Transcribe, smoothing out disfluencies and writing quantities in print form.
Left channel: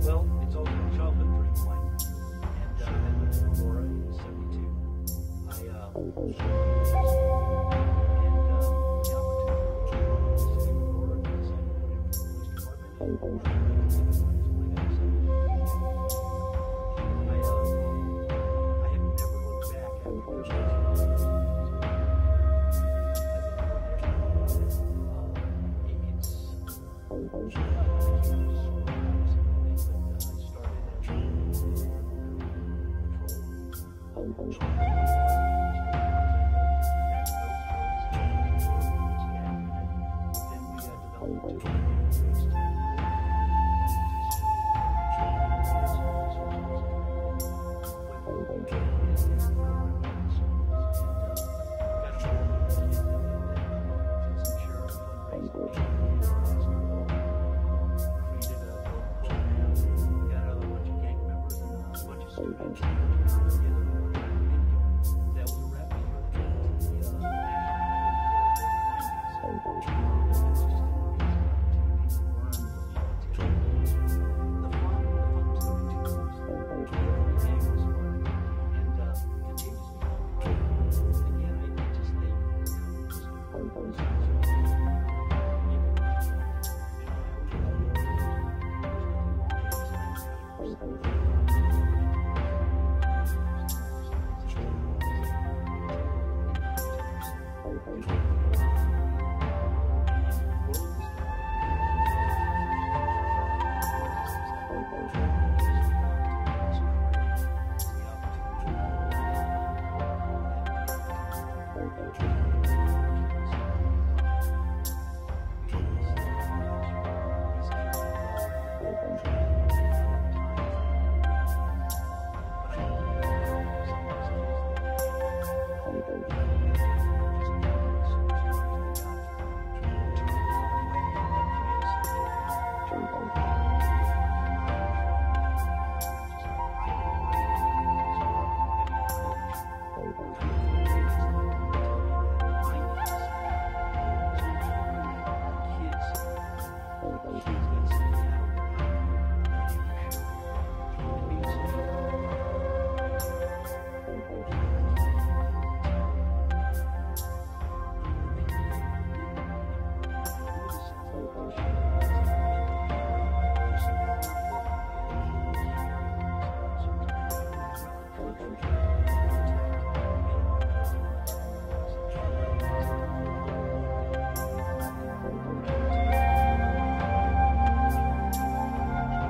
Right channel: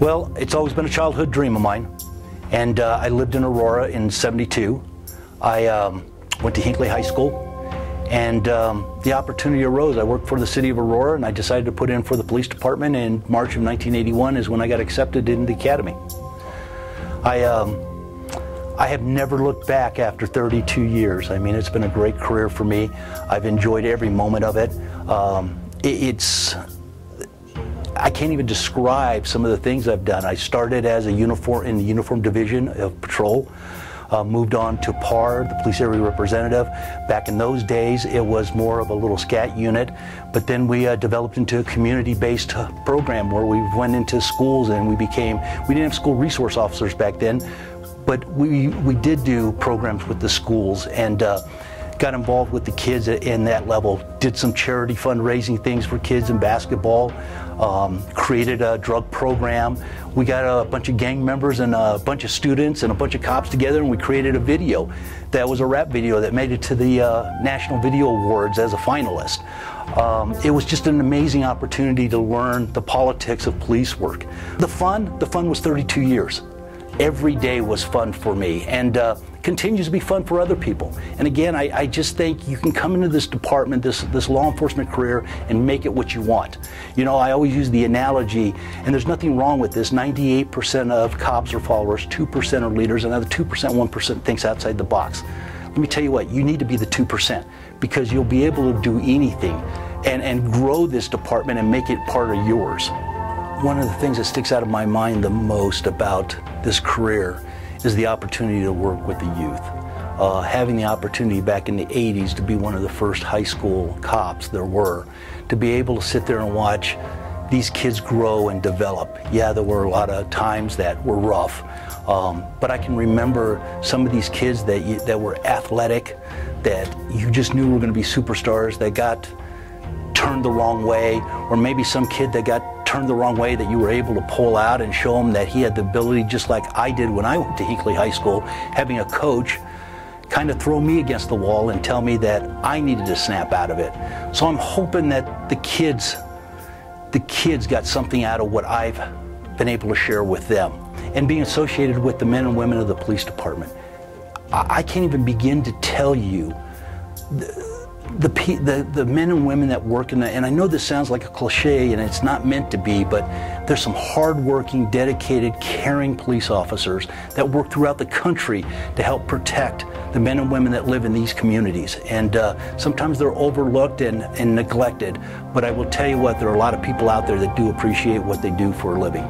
Well, it's always been a childhood dream of mine, and I lived in Aurora in '72. I went to Hinckley High School, and the opportunity arose. I worked for the city of Aurora, and I decided to put in for the police department. In March of 1981 is when I got accepted into the academy. I have never looked back after 32 years. I mean, it's been a great career for me. I've enjoyed every moment of it. I can't even describe some of the things I've done. I started as in the uniform division of patrol, moved on to PAR, the police area representative. Back in those days, it was more of a little scat unit, but then we developed into a community-based program where we went into schools and we didn't have school resource officers back then, but we did do programs with the schools and got involved with the kids in that level, did some charity fundraising things for kids in basketball, created a drug program. We got a bunch of gang members and a bunch of students and a bunch of cops together, and we created a video that was a rap video that made it to the National Video Awards as a finalist. It was just an amazing opportunity to learn the politics of police work. The fun was 32 years. Every day was fun for me, and continues to be fun for other people. And again, I just think you can come into this department, this law enforcement career, and make it what you want. You know, I always use the analogy, and there's nothing wrong with this, 98% of cops are followers, 2% are leaders, and another 2%, 1% thinks outside the box. Let me tell you what, you need to be the 2%, because you'll be able to do anything and grow this department and make it part of yours. One of the things that sticks out of my mind the most about this career is the opportunity to work with the youth. Having the opportunity back in the 80s to be one of the first high school cops there were, to be able to sit there and watch these kids grow and develop. Yeah, there were a lot of times that were rough, but I can remember some of these kids that were athletic, that you just knew were going to be superstars, that got turned the wrong way, or maybe some kid that got turned the wrong way that you were able to pull out and show him that he had the ability, just like I did when I went to Hinckley High School, having a coach kind of throw me against the wall and tell me that I needed to snap out of it. So I'm hoping that the kids got something out of what I've been able to share with them. And being associated with the men and women of the police department, I can't even begin to tell you the men and women that work in that, and I know this sounds like a cliche and it's not meant to be, but there's some hard-working, dedicated, caring police officers that work throughout the country to help protect the men and women that live in these communities. And sometimes they're overlooked and neglected, but I will tell you what, there are a lot of people out there that do appreciate what they do for a living.